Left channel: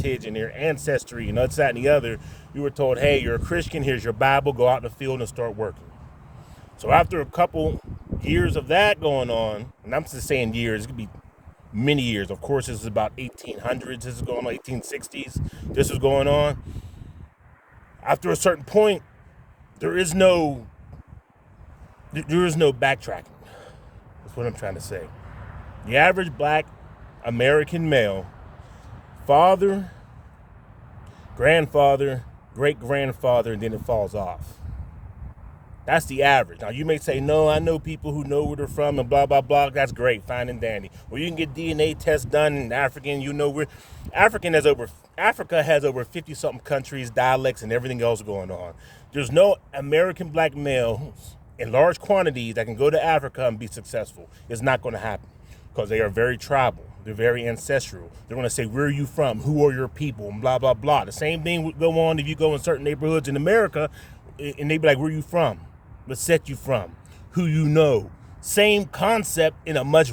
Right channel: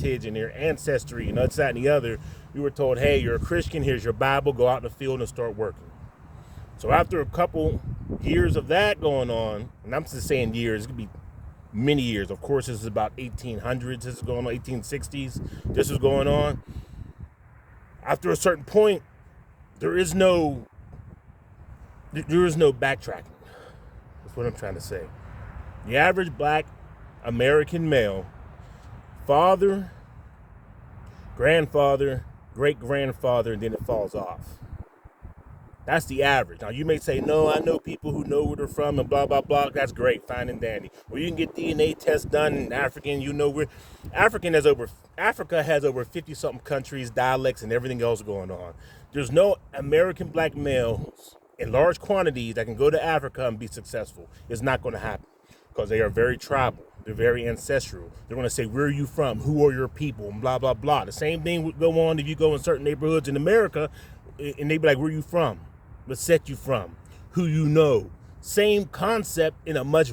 heritage and their ancestry and that's, that, and the other, we were told, hey, you're a Christian, here's your Bible, go out in the field and start working. So after a couple years of that going on, and I'm just saying years, it could be many years. Of course, this is about 1800s, this is going on 1860s, this is going on. After a certain point, there is no backtracking. That's what I'm trying to say. The average black American male, father, grandfather, great-grandfather, and then it falls off. That's the average. Now, you may say, no, I know people who know where they're from and blah, blah, blah. That's great, fine and dandy. Or you can get DNA tests done in African, you know where. Africa has over 50-something countries, dialects, and everything else going on. There's no American black males in large quantities that can go to Africa and be successful. It's not going to happen because they are very tribal. They're very ancestral. They're going to say, where are you from? Who are your people? And blah, blah, blah. The same thing would go on if you go in certain neighborhoods in America and they be like, where are you from? What set you from? Who you know? Same concept in a much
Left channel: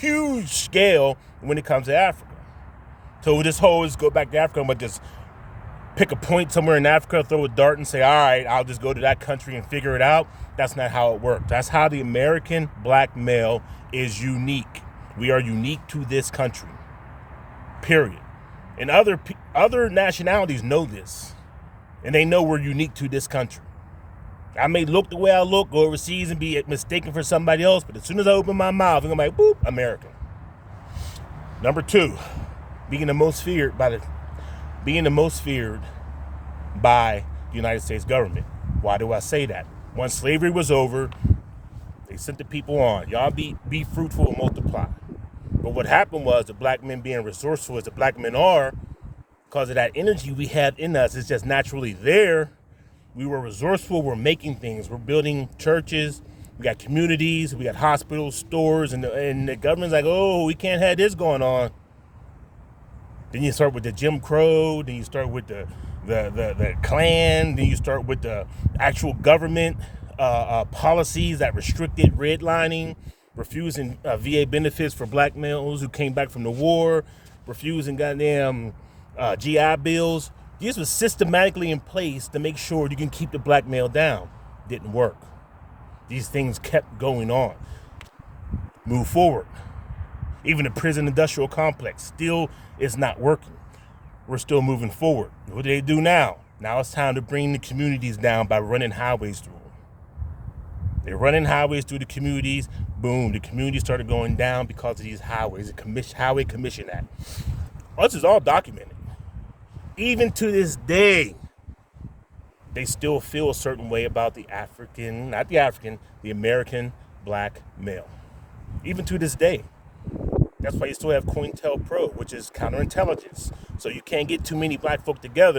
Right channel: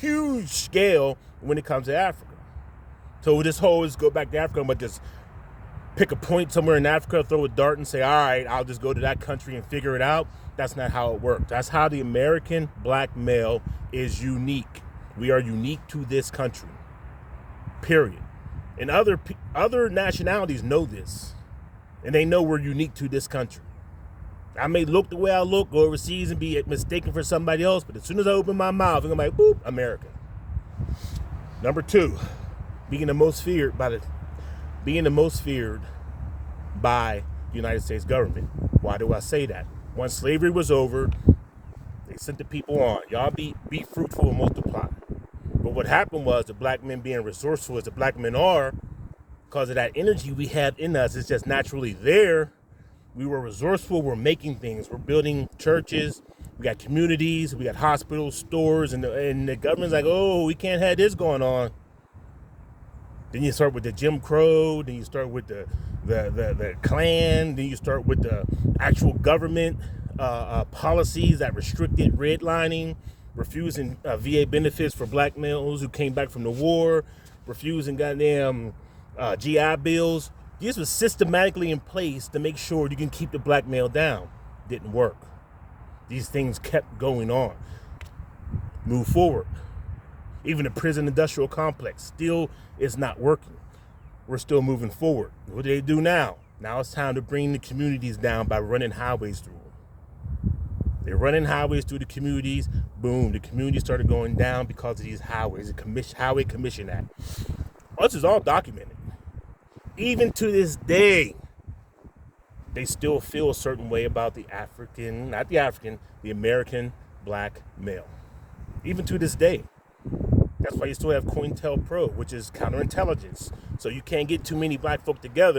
huge scale when it comes to Africa. So this whole is go back to Africa, but just pick a point somewhere in Africa, throw a dart and say, all right, I'll just go to that country and figure it out. That's not how it works. That's how the American black male is unique. We are unique to this country, period. And other nationalities know this, and they know we're unique to this country. I may look the way I look, go overseas and be mistaken for somebody else, but as soon as I open my mouth, I'm like, boop, America. Number 2, being the most feared by the United States government. Why do I say that? Once slavery was over, they sent the people on. Y'all be fruitful and multiply. But what happened was the black men being resourceful as the black men are, because of that energy we had in us, it's just naturally there. We were resourceful, we're making things, we're building churches, we got communities, we got hospitals, stores, and the government's like, oh, we can't have this going on. Then you start with the Jim Crow, then you start with the Klan, then you start with the actual government policies that restricted redlining, refusing VA benefits for black males who came back from the war, refusing goddamn GI bills. These were systematically in place to make sure you can keep the black male down. Didn't work. These things kept going on. Move forward. Even the prison industrial complex still is not working. We're still moving forward. What do they do now? Now it's time to bring the communities down by running highways through them. They're running highways through the communities. Boom, the communities started going down because of these highways. The Highway Commission Act. This is all documented. Even to this day, they still feel a certain way about the American black male. Even to this day. That's why you still have COINTELPRO, which is counterintelligence. So you can't get too many black folk together